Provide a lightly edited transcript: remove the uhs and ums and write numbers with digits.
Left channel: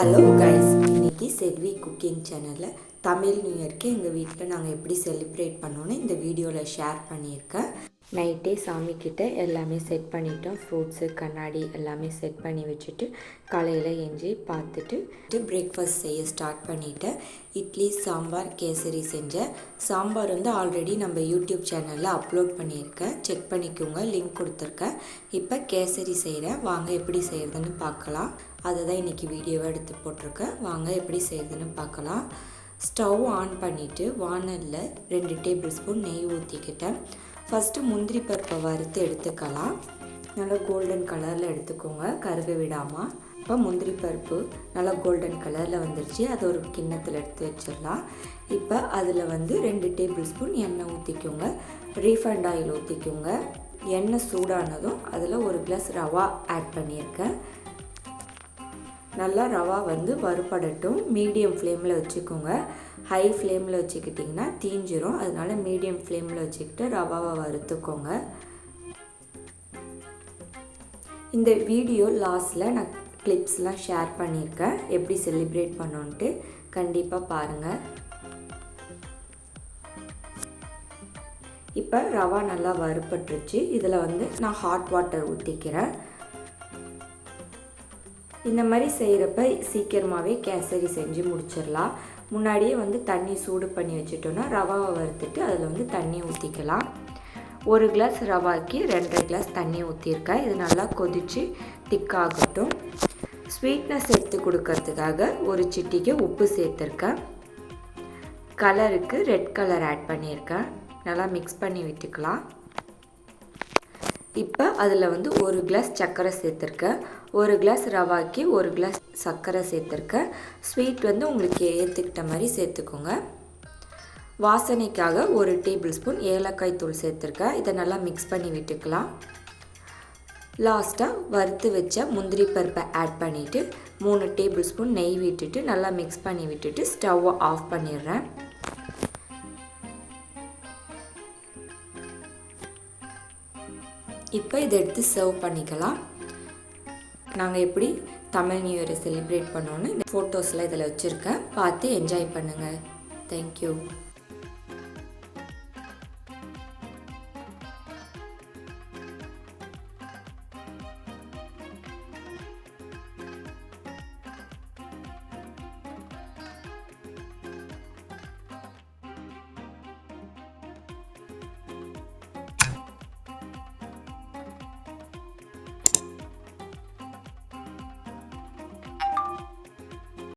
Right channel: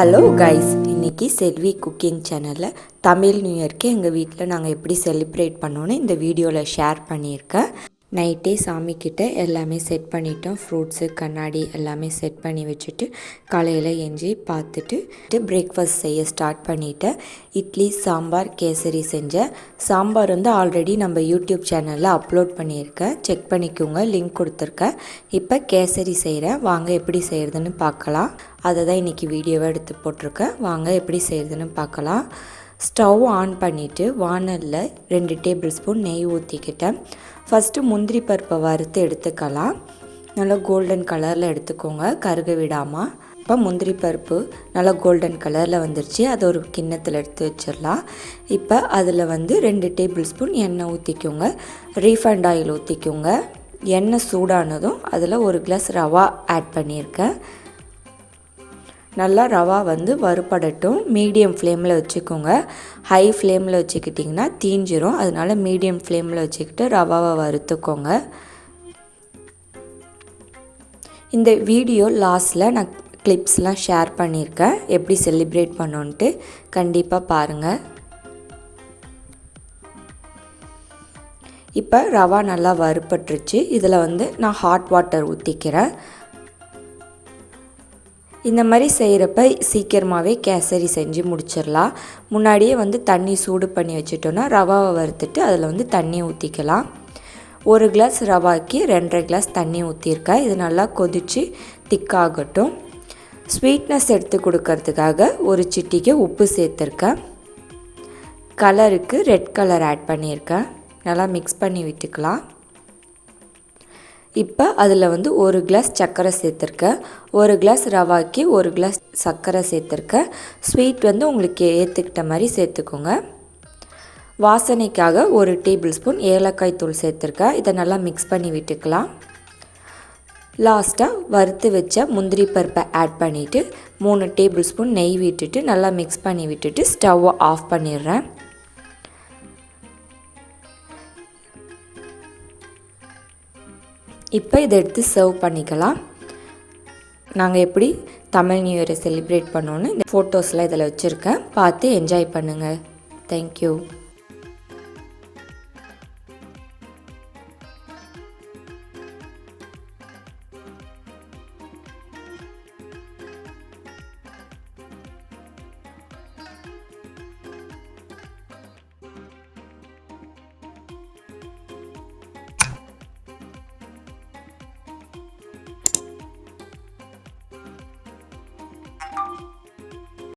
Hello guys, இன்றைக்கி செல்வி cooking சேனலில் Tamil new இயர்க்கு எங்கள் வீட்டில் நாங்கள் எப்படி செலிப்ரேட் பண்ணோன்னு இந்த வீடியோவில் ஷேர் பண்ணியிருக்கேன். நைட்டே சாமிக்கிட்ட எல்லாமே செட் பண்ணிட்டோம். ஃப்ரூட்ஸு, கண்ணாடி எல்லாமே செட் பண்ணி வச்சுட்டு காலையில் எஞ்சி பார்த்துட்டு பிரேக்ஃபாஸ்ட் செய்ய ஸ்டார்ட் பண்ணிவிட்டேன். இட்லி, சாம்பார், கேசரி செஞ்சேன். சாம்பார் வந்து ஆல்ரெடி நம்ம யூடியூப் சேனலில் அப்லோட் பண்ணியிருக்கேன், செக் பண்ணிக்கோங்க, லிங்க் கொடுத்துருக்கேன். இப்போ கேசரி செய்கிறேன், வாங்க எப்படி செய்கிறதுன்னு பார்க்கலாம். அதை தான் இன்றைக்கி வீடியோவை எடுத்து போட்டிருக்கேன், வாங்க எப்படி செய்கிறதுன்னு பார்க்கலாம். ஸ்டவ் ஆன் பண்ணிவிட்டு வானலில் 2 டேபிள் ஸ்பூன் நெய் ஊற்றிக்கிட்டேன். ஃபஸ்ட்டு முந்திரி பருப்பை வறுத்து எடுத்துக்கலாம். நல்லா கோல்டன் கலரில் எடுத்துக்கோங்க, கருக விடாமல். இப்போ முந்திரி பருப்பு நல்லா கோல்டன் கலரில் வந்துருச்சு, அதை ஒரு கிண்ணத்தில் எடுத்து வச்சிடலாம். இப்போ அதில் வந்து 2 டேபிள் ஸ்பூன் எண்ணெய் ஊற்றிக்கோங்க, ரீஃபைண்ட் ஆயில் ஊற்றிக்கோங்க. எண்ணெய் சூடானதும் அதில் 1 கிளாஸ் ரவா ஆட் பண்ணியிருக்கேன். நல்லா ரவா வந்து வறுபடட்டும். மீடியம் ஃப்ளேமில் வச்சுக்கோங்க, ஹை ஃப்ளேமில் வச்சுக்கிட்டிங்கன்னா தீஞ்சிரும். அதனால் மீடியம் ஃப்ளேமில் வச்சுக்கிட்டு ரவாவை வறுத்துக்கோங்க. இந்த வீடியோ லாஸ்ட்டில் நான் கிளிப்ஸ்லாம் ஷேர் பண்ணியிருக்கேன், எப்படி செலிப்ரேட் பண்ணோன்ட்டு கண்டிப்பாக பாருங்கள். இப்போ ரவா நல்லா வறுபட்டுருச்சு. இதில் வந்து நான் ஹாட் வாட்டர் ஊற்றிக்கிறேன். இந்த மாதிரி செய்கிறப்ப சீக்கிரமாகவே கேசரி செஞ்சு முடிச்சிடலாம். முன்னாடியே வந்து தண்ணி சூடு பண்ணி வச்சுட்டோன்னா ரவாவை வறுத்துட்டு அதில் வந்து தண்ணி ஊற்றிக்கலாம். 1 கிளாஸ் ரவாய்க்கு 2.5 கிளாஸ் தண்ணி ஊற்றிருக்கேன். இது நல்லா கொதித்து திக்காகட்டும். ஸ்வீட்னஸ் எடுத்து கொடுக்கறதுக்காக 1 சிட்டிக்கு உப்பு சேர்த்துருக்கேன். கலருக்கு ரெட் கலர் ஆட் பண்ணியிருக்கேன். நல்லா மிக்ஸ் பண்ணி விட்டுக்கலாம். இப்போ அதில் வந்து 1 கிளாஸ் சர்க்கரை சேர்த்துருக்கேன். 1 கிளாஸ் ரவாய்க்கு 1 கிளாஸ் சர்க்கரை சேர்த்துருக்கேன். ஸ்வீட் வந்து உங்களுக்கு ஏற்றுக்கிட்ட மாதிரி சேர்த்துக்கோங்க. வாசனைக்காக 1 டேபிள் ஸ்பூன் ஏலக்காய் தூள் சேர்த்துருக்கேன். இதை நல்லா மிக்ஸ் பண்ணி விட்டுக்கலாம். லாஸ்ட்டாக வறுத்து வச்ச முந்திரி பருப்பை ஆட் பண்ணிவிட்டு 3 டேபிள் ஸ்பூன் நெய் விட்டுட்டு நல்லா மிக்ஸ் பண்ணி விட்டுட்டு ஸ்டவ்வை ஆஃப் பண்ணிடுறேன். இப்போ இதை எடுத்து சர்வ் பண்ணிக்கலாம். நாங்கள் எப்படி தமிழ் நியூ இயரை செலிப்ரேட் பண்ணோன்னு இந்த ஃபோட்டோஸ்லாம் இதில் வச்சுருக்கேன், பார்த்து என்ஜாய் பண்ணுங்கள். தேங்க்யூ.